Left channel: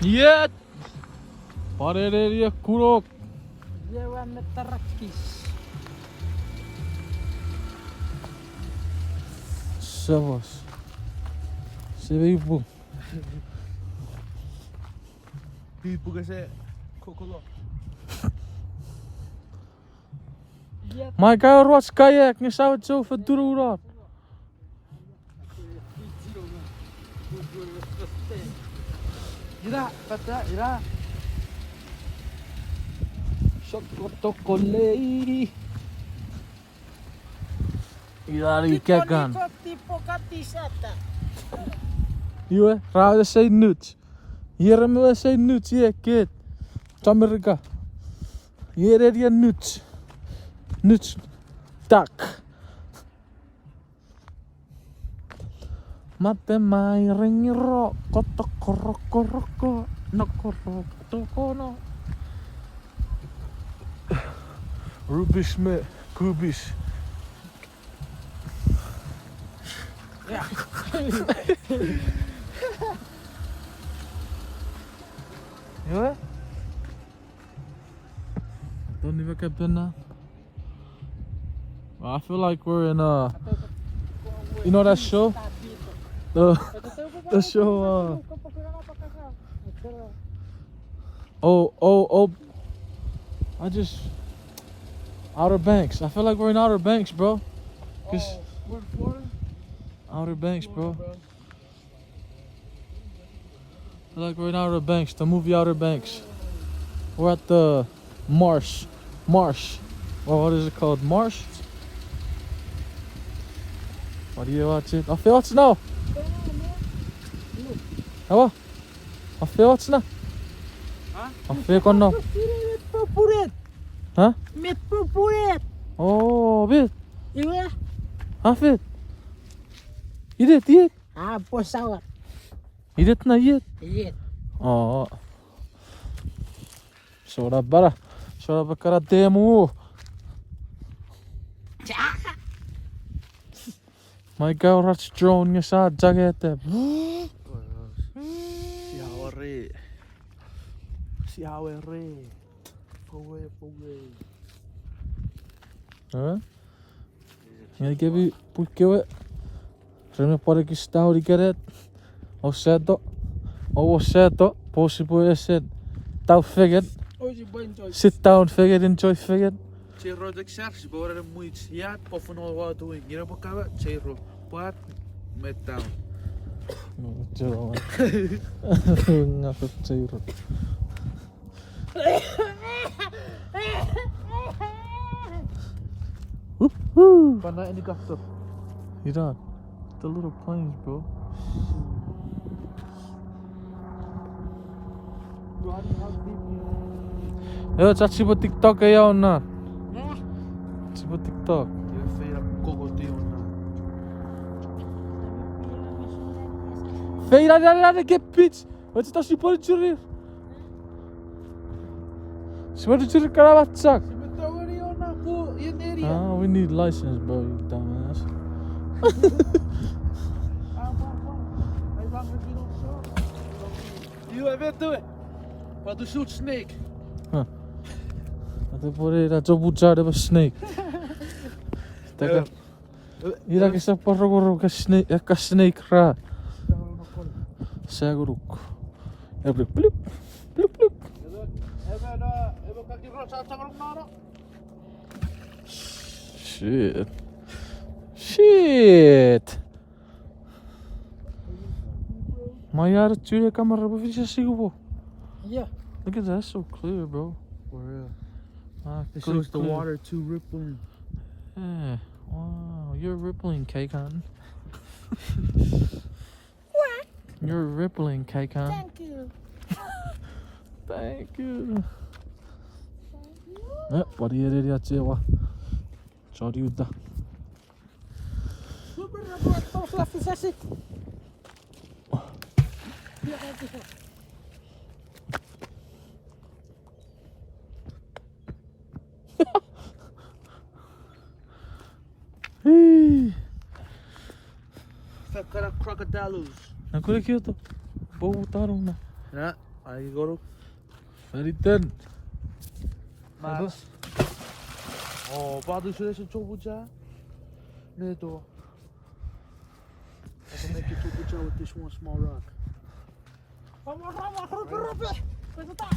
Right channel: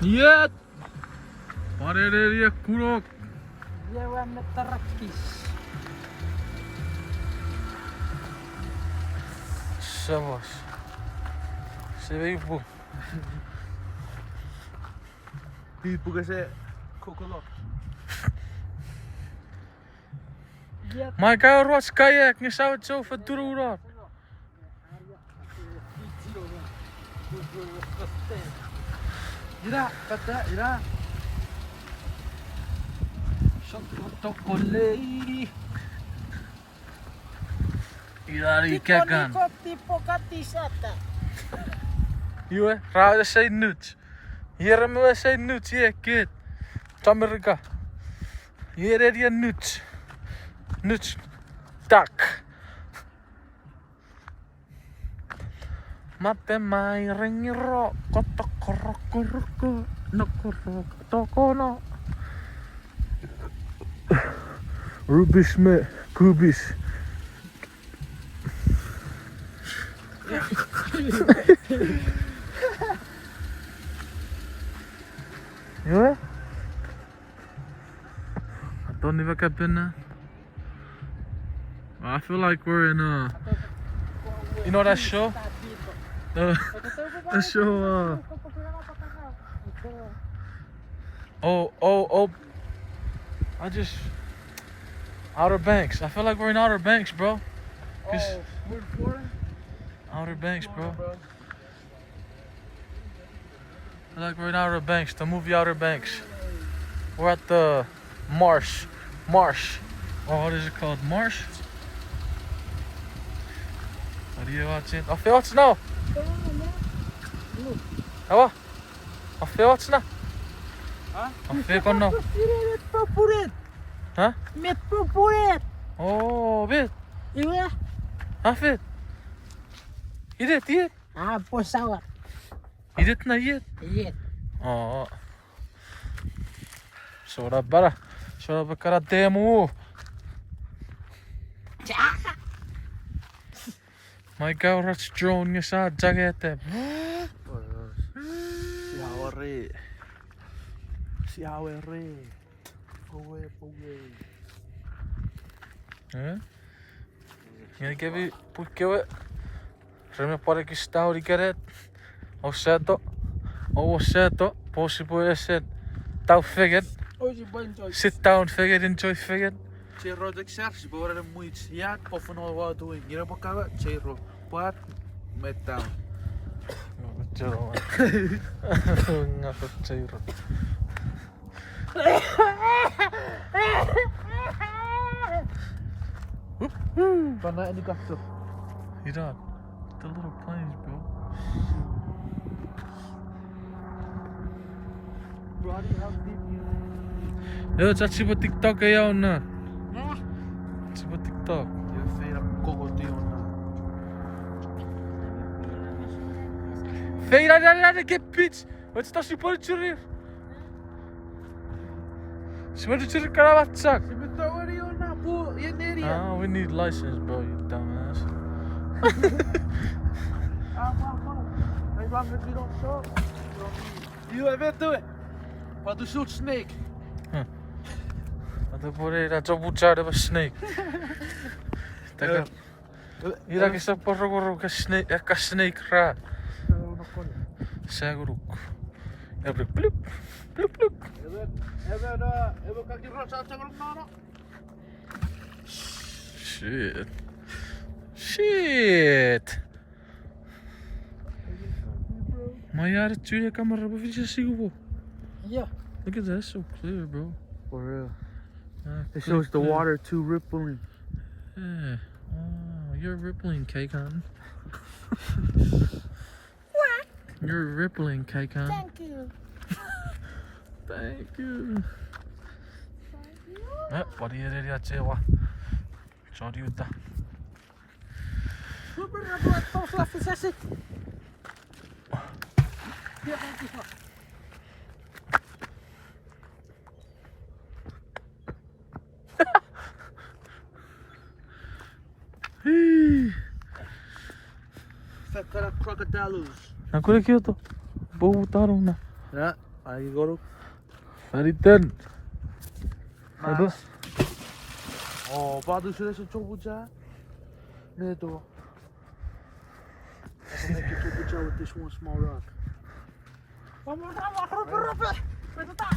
Yet. Parereria kurok. Lleva metarakis. Shavas. Sevibu. Chuukese kokolo. Maar ik ga rots kajak, je zou het zo verdroeren. Ira, pata, ira. Chocolate. Idari kekan. Tipo katisata. Iwe, raad say nuts. Hier me say nuts, yeah, kid. Amerika. Hier is je nuts. Nuts. Tak. Mate mai ringiro. Totokoroko. Nokorok. Tokono. Rubis me. Kubis. Ja. Iwe? Don't even get in there. I feel like we're in you know that show? The show Outer Banks. I feel like we're in Outer Banks, bro. We're in Florida? Outer Banks, bro. I feel like we're in Outer Banks, the movie Outer Banks. We're at the Marsh. Or what is it called? Marsh? What do you watch it? Of wat nou? Apa? Of wat nou? Huh? Of kon nou? Met purpuret. Huh? Met purpuret. Oh, bit. Iya. Afit. Yit. Ah, pesawat. Yit na yit. Iya. Oh. Soda bara. Soda bakara demo. My girl rats drone you saw jagete. Siawere. Poe. Huh? Ja, ik heb je poekje. Reme por aqui está o ricaret. O certo. Possible is it. Tau figured. Hoje banjo. Sit down figured, enjoy figured. Chero de xerx, bora muito. Ja, of no wat doen. Hier op elkaar. Chero. Pat met down. Ngaku cairo. Karena ini kapsul. You dog. The little planes, bro. Yo, chat si buat TikTok ya ona. Si buat TikTok. Je veer kokotil na. Hey, ada get bitch. Wat is dat si politie? Si politie karavat sak. Je bent alweer na po in area. We need license, bro, you dumbass. You weet het. Wat doet zo'n snake? Wat voor je dat zo moet zijn, snake. Hier heb je zo'n porro snake ra. Zeg ook. Heb ik pluk. Hebben kaki rasa sama mana? Shit. Maar ja, dat jullie camera op je zien. Yeah. Look at that, so clear, bro. For real. It Clear, shows the clear. water too rippling. Yeah. Wow, you're rippling, K-Con. What? You're rippling, K-Con. Thank you. Thank you. Ja, wat hier deed je zeer wat. Zou die het? Super, buat sosialisasi. Ya, Fekara crocodilos. Nakule kyoto. Boutaron na. Ja, I go to. Naritan. Ano? Oh, padu sila sa chukucha. Neto. I can make a chukucha with this one small rock. Vamos, vamos, rompe, rompe. Pues está.